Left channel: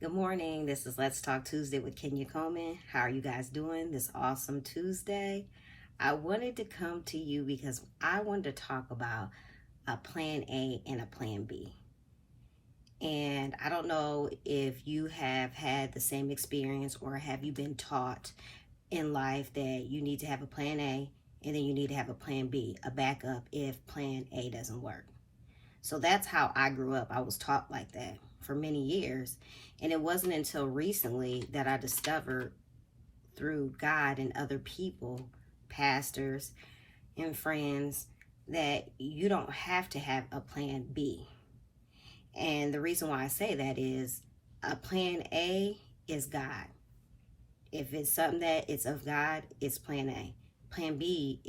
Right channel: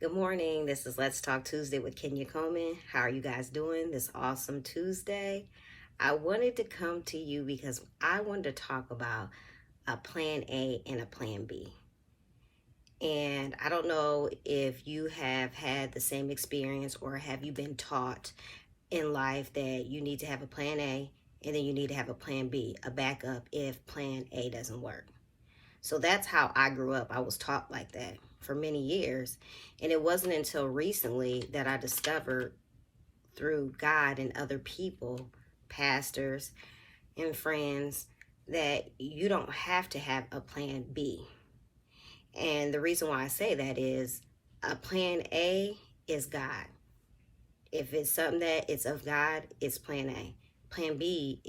Good morning. This is Let's Talk Tuesday with Kenya Coleman. How are you guys doing this awesome Tuesday? I wanted to come to you because I wanted to talk about a plan A and a plan B. And I don't know if you have had the same experience or have you been taught in life that you need to have a plan A and then you need to have a plan B, a backup if plan A doesn't work. So that's how I grew up. I was taught like that for many years. And it wasn't until recently that I discovered through God and other people, pastors and friends, that you don't have to have a plan B. And the reason why I say that is a plan A is God. If it's something that it's of God, it's plan A. Plan B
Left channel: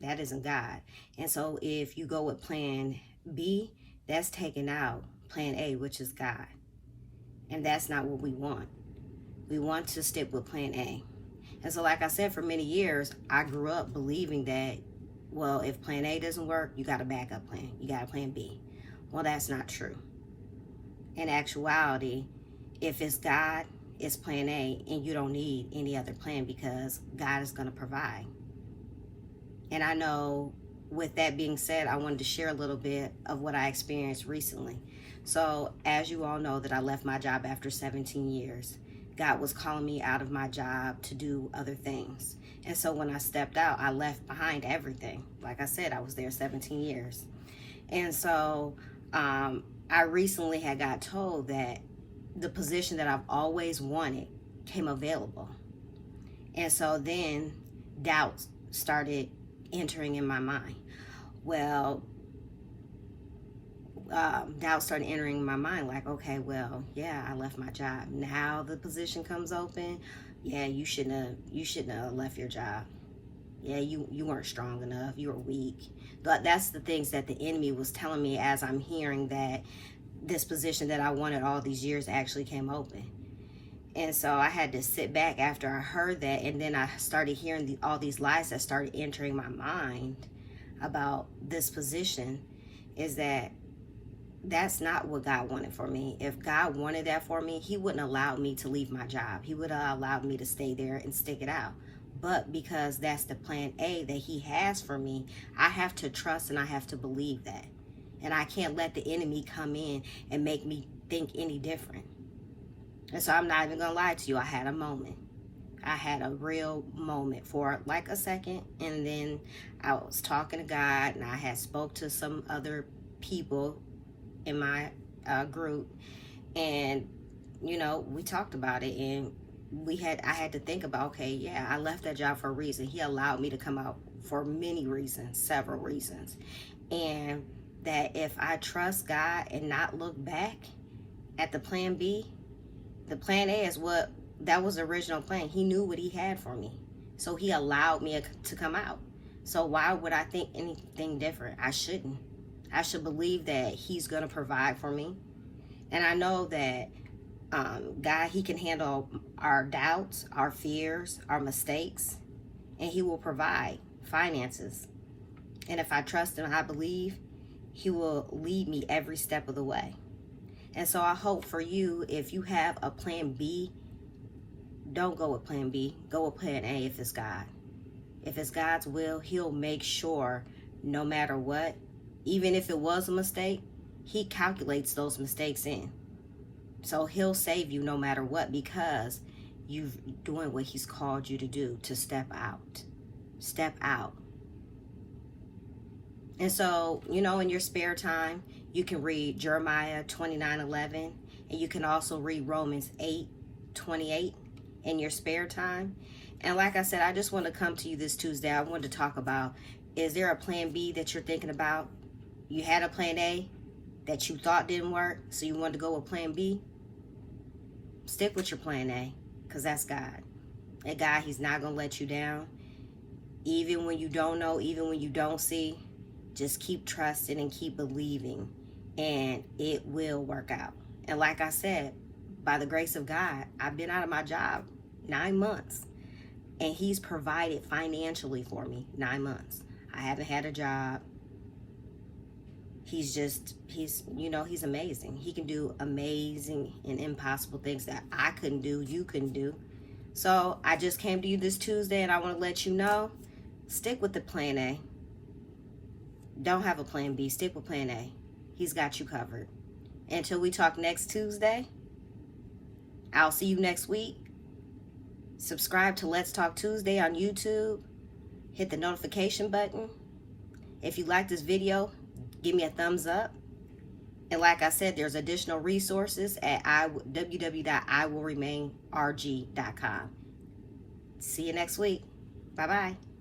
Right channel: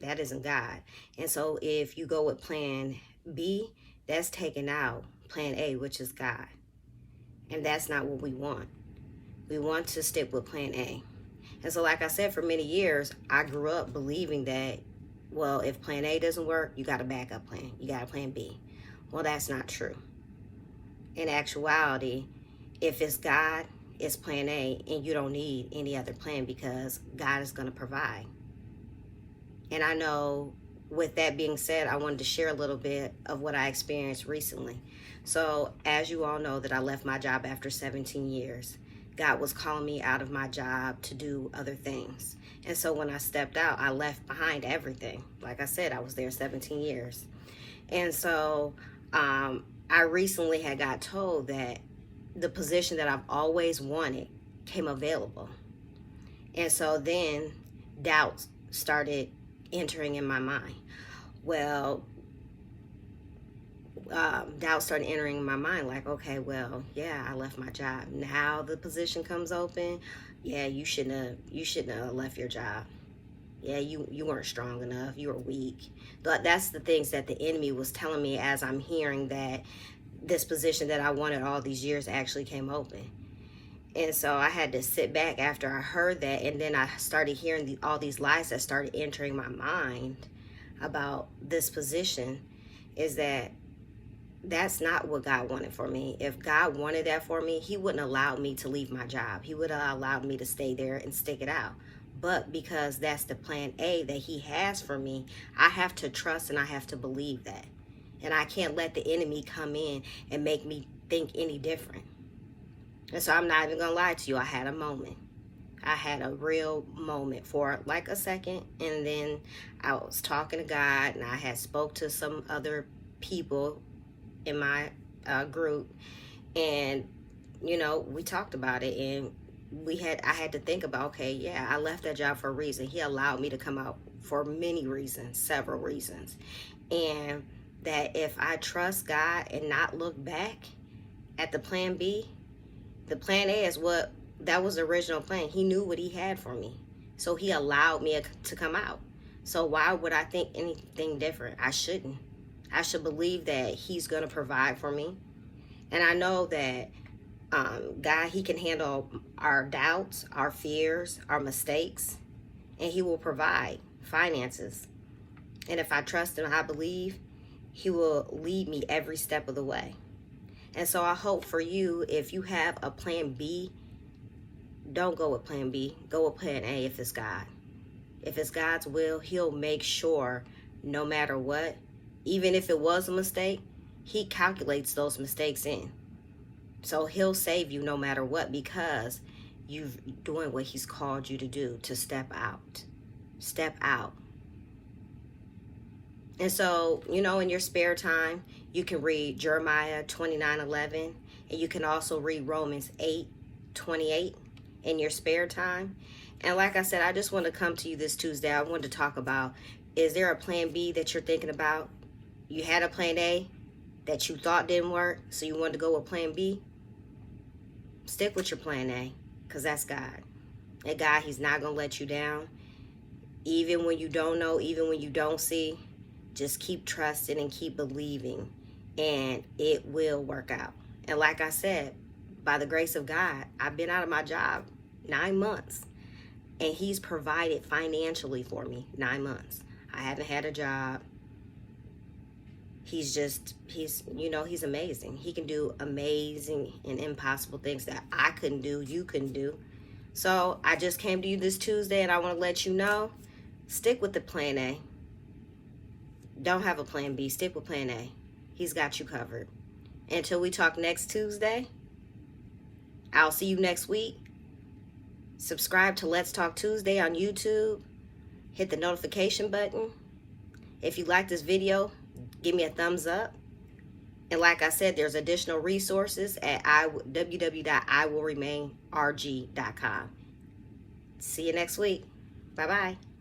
that isn't God. And so if you go with plan B, that's taking out plan A, which is God. And that's not what we want. We want to stick with plan A. And so, like I said, for many years, I grew up believing that, well, if plan A doesn't work, you got a backup plan. You got a plan B. Well, that's not true. In actuality, if it's God, it's plan A, and you don't need any other plan because God is going to provide. And I know, with that being said, I wanted to share a little bit of what I experienced recently. So, as you all know, that I left my job after 17 years. God was calling me out of my job to do other things. And so when I stepped out, I left behind everything. Like I said, I was there 17 years. And so I recently had got told that the position that I've always wanted came available. And so then doubts started entering in my mind. Well, doubt started entering my mind, like, okay, well, yeah, I left my job. Now the position comes open. Yeah, you shouldn't have left your job. Yeah, you weren't strong enough. You were weak. But that's the things that the enemy was telling me as I'm hearing that this position that I wanted all these years actually came open. And so I had to sit back after I heard that, and then I started hearing all these lies that started entering my mind about this position. Is that that's not what God wanted for me. If God wanted that for me, he wouldn't allow me to leave my job. He would have allowed me to stay there and stick it out. But because that's the plan A that he has for me, I have to trust and I have to believe that. And I can't let the enemy come in and make me think any different. And so I'm not even gonna lie to you, I had a moment. I had a real moment for like a second, and then I was talking to God, and I had spoke to some other people in my group, and we talked about it, and I had to think about, okay, yeah, I left that job for a reason. He allowed me to come out for many reasons, several reasons, and that if I trust God and not look back at the plan B, the plan A is that was the original plan. He knew what he had for me, so he allowed me to come out. So why would I think anything different? I shouldn't. I should believe that he's going to provide for me. And I know that God, he can handle our doubts, our fears, our mistakes, and he will provide finances. And if I trust and I believe, he will lead me every step of the way. And so I hope for you, if you have a plan B, don't go with plan B. Go with plan A if it's God. If it's God's will, he'll make sure no matter what, even if it was a mistake, he calculates those mistakes in. So he'll save you no matter what, because you're doing what he's called you to do, to step out. Step out. And so, in your spare time, you can read Jeremiah 29:11, and you can also read Romans 8:28 in your spare time. And like I said, I just want to come to you this Tuesday. I want to talk about, is there a plan B that you're thinking about? You had a plan A that you thought didn't work, so you wanted to go with plan B. Stick with your plan A, because that's God. And God, he's not going to let you down. Even when you don't know, even when you don't see, just keep trusting and keep believing, and it will work out. And like I said, by the grace of God, I've been out of my job 9 months, and he's provided financially for me 9 months. I haven't had a job. he's amazing. He can do amazing and impossible things that I couldn't do, you couldn't do. So I just came to you this Tuesday and I want to let you know, stick with the plan A. Don't have a plan B, stick with plan A. He's got you covered. Until we talk next Tuesday, I'll see you next week. Subscribe to Let's Talk Tuesday on YouTube. Hit the notification button. If you like this video, give me a thumbs up. And like I said, there's additional resources at www.iwillremainrg.com. See you next week. Bye-bye.